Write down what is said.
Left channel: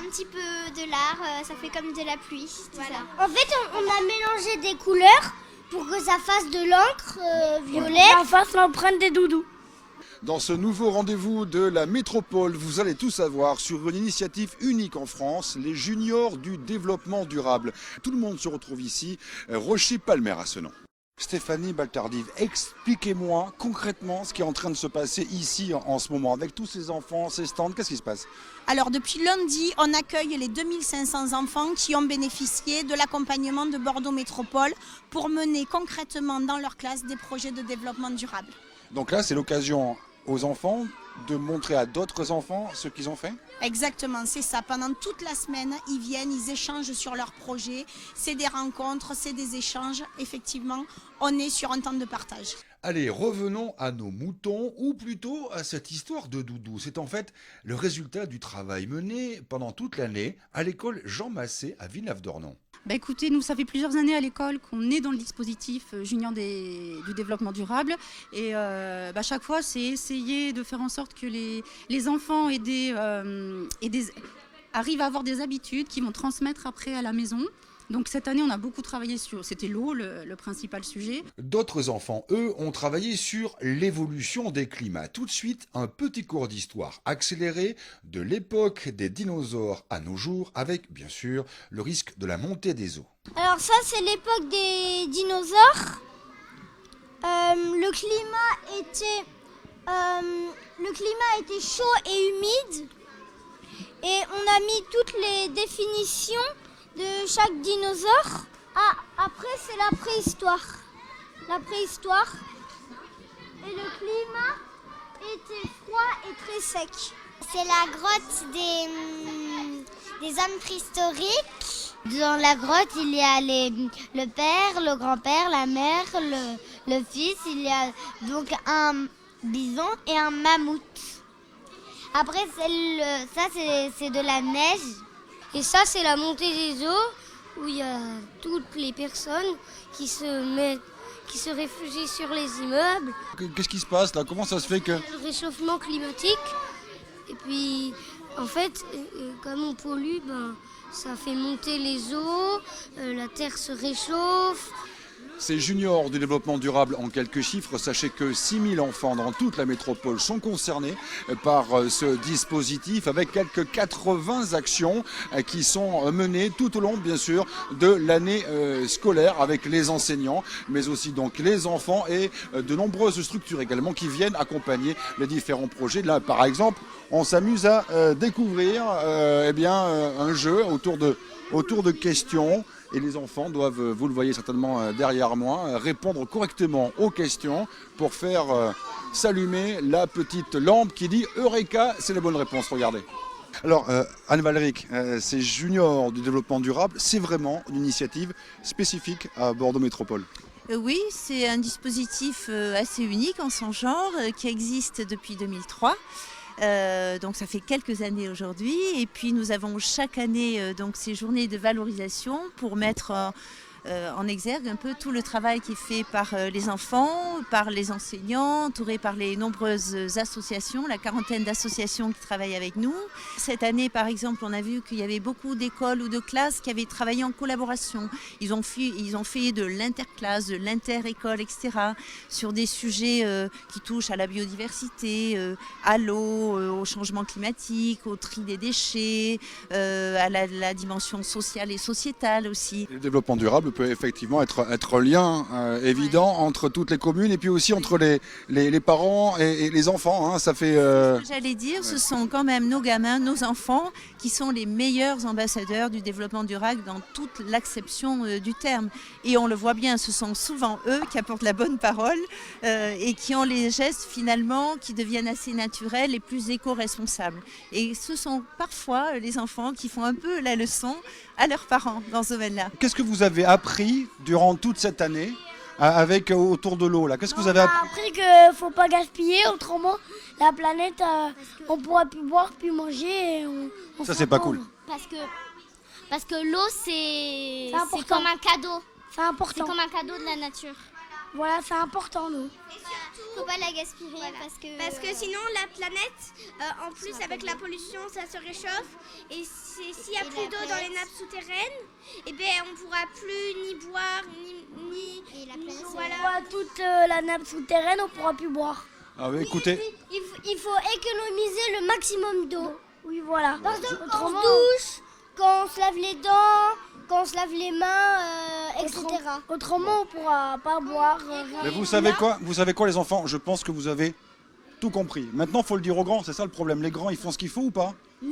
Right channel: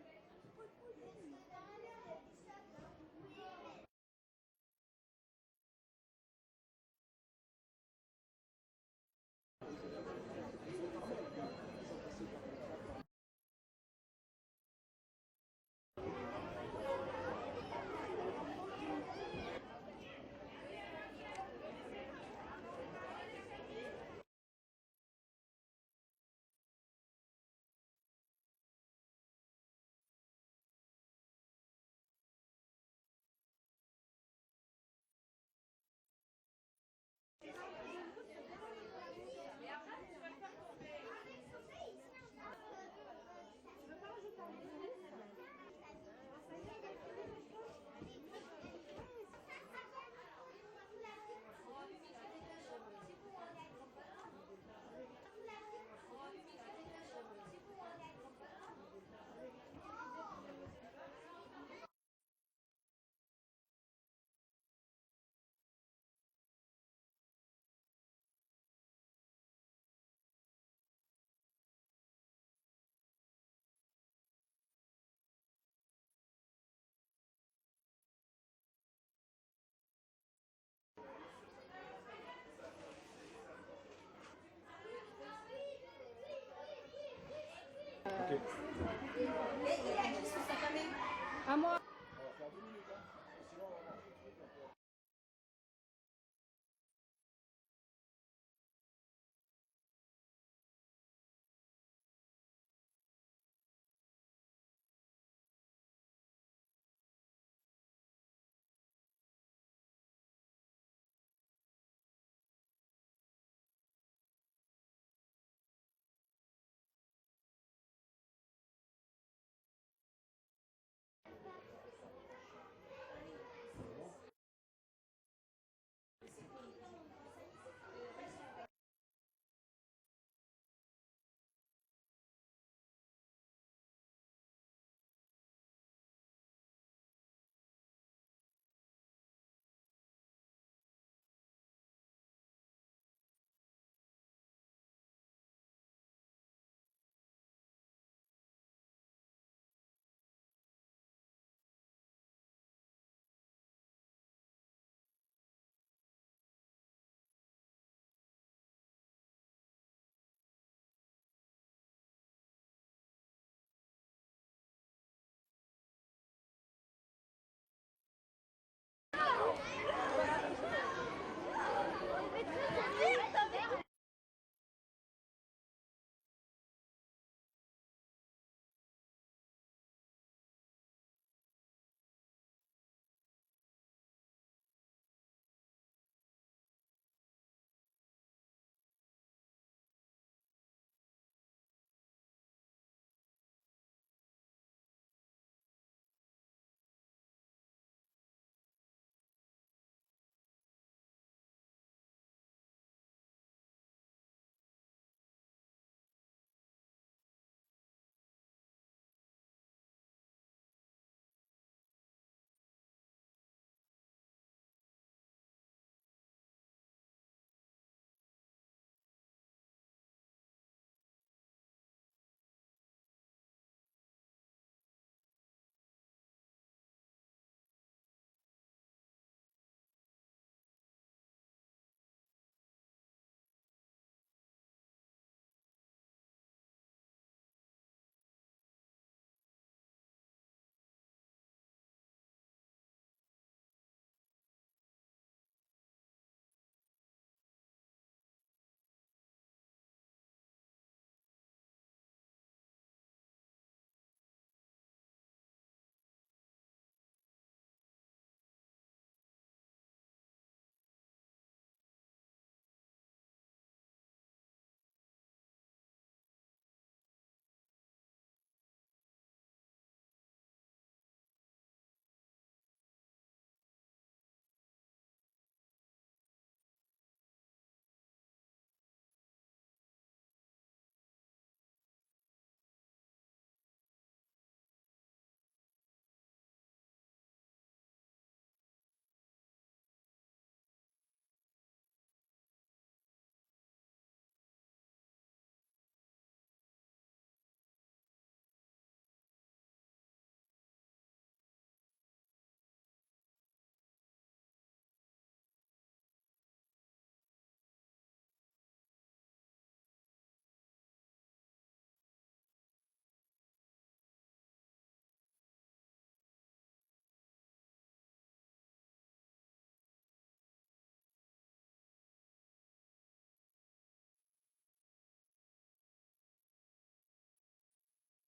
un petit peu de l'art, ça fait comme de la pluie. Voilà. En fait, on a mélangé des couleurs pour que ça fasse de l'encre violet. Ça fasse l'empreinte des doudous. Dans ce nouveau rendez-vous de la métropole, vous allez tout savoir sur une initiative unique en France, les juniors du développement durable. Tout le monde se retrouve ici, Rocher-Palmer à ce nom. Stéphanie Baltardive, expliquez-moi concrètement ce qui est en train de se passer ici en ce moment, avec tous ces enfants, ces stands, qu'est-ce qui se passe ? Alors depuis lundi, on accueille les 2500 enfants qui ont bénéficié de l'accompagnement de Bordeaux Métropole pour mener concrètement dans leur classe des projets de développement durable. Donc là, c'est l'occasion aux enfants de montrer à d'autres enfants ce qu'ils ont fait ? Exactement, c'est ça. Pendant toute la semaine, ils viennent, ils échangent sur leurs projets. C'est des rencontres, c'est des échanges. Effectivement, on est sur un temps de partage. Allez, revenons à nos moutons, ou plutôt à cette histoire de doudou. C'est en fait le résultat du travail mené pendant toute l'année à l'école Jean Massé à Villeneuve-d'Ornon. Écoutez, nous, ça fait plusieurs années à l'école qu'on est dans le dispositif junior du développement durable. Et chaque fois, c'est essayer de faire en sorte que les enfants arrivent à avoir des habitudes qu'ils vont transmettre après à la maison. Donc cette année, on a beaucoup travaillé c'était l'eau, le principal sujet. D'autres enfants, eux, ont travaillé sur l'évolution des climats. Tout de suite, un petit cours d'histoire accéléré de l'époque des dinosaures à nos jours, avec, bien sûr, le risque de la montée des eaux. Alors ça, c'est l'époque des dinosaures. Le climat était chaud et humide. Et on a mis toutes les définitions de chaque dinosaure. Après, c'est la préhistoire. Et le climat était froid et très sec. C'est la grotte des hommes préhistoriques. Dans la grotte, il y a le père, le grand-père, la mère, le fils. Il y a donc un bison et un mammouth. Après, ça, c'est de la neige. Et ça, c'est la montée des eaux, où il y a toutes les personnes qui se réfugient sur les immeubles. Qu'est-ce qui se passe là ? Comment ça se fait que... Le réchauffement climatique. Et puis, en fait, comme on pollue, ça fait monter les eaux, la terre se réchauffe. Ces juniors du développement durable, en quelques chiffres, sachez que 6000 enfants dans toute la métropole sont concernés par ce dispositif, avec quelques 80 actions qui sont menées tout au long, bien sûr, de l'année scolaire, avec les enseignants, mais aussi donc les enfants et de nombreuses structures également qui viennent accompagner les différents projets. Là, par exemple, on s'amuse à découvrir un jeu autour de questions. Et les enfants doivent, vous le voyez certainement derrière moi, répondre correctement aux questions pour faire s'allumer la petite lampe qui dit « Eureka », c'est la bonne réponse, regardez. Alors Anne-Valérique, ces juniors du développement durable, c'est vraiment une initiative spécifique à Bordeaux Métropole. Oui, c'est un dispositif assez unique en son genre qui existe depuis 2003. Donc ça fait quelques années aujourd'hui et puis nous avons chaque année donc ces journées de valorisation pour mettre en exergue un peu tout le travail qui est fait par les enfants, par les enseignants, entourés par les nombreuses associations, la quarantaine d'associations qui travaillent avec nous. Cette année, par exemple, on a vu qu'il y avait beaucoup d'écoles ou de classes qui avaient travaillé en collaboration. Ils ont fait de l'interclasse, de l'inter-école, etc. sur des sujets qui touchent à la biodiversité, à l'eau, au changement climatique, au tri des déchets, à la dimension sociale et sociétale aussi. Le développement durable peut effectivement être un lien évident entre toutes les communes et puis aussi entre les parents et les enfants. Ça fait, Ce que j'allais dire, ce sont quand même nos gamins, nos enfants qui sont les meilleurs ambassadeurs du développement durable dans toute l'acception du terme. Et on le voit bien, ce sont souvent eux qui apportent la bonne parole et qui ont les gestes finalement qui deviennent assez naturels et plus éco-responsables. Et ce sont parfois les enfants qui font un peu la leçon à leurs parents dans ce domaine-là. Qu'est-ce que vous avez appris durant toute cette année avec autour de l'eau là? Qu'est-ce que vous avez appris? On a appris qu'il ne faut pas gaspiller, autrement la planète, on ne pourra plus boire, plus manger. Et on Ça c'est pas cool. Parce que l'eau, c'est important. comme un cadeau. C'est important. C'est comme un cadeau de la nature. Voilà, c'est important, nous. Et surtout, faut pas la gaspiller parce que sinon la planète, en plus avec la pollution, ça se réchauffe et s'il y a plus d'eau dans les nappes souterraines, eh ben, on ne pourra plus ni boire, ni Et la planète, voilà. Toute la nappe souterraine, on pourra plus boire. Ah oui, écoutez, Il faut économiser le maximum d'eau. Oui, voilà. Par exemple, on se Autrement, douche, quand on se lave les dents, quand on se lave les mains, etc. autrement, on pourra pas boire. mais vous savez quoi les enfants? Je pense que vous avez tout compris. Maintenant, il faut le dire aux grands, c'est ça le problème. Les grands, ils font ce qu'il faut ou pas? Non.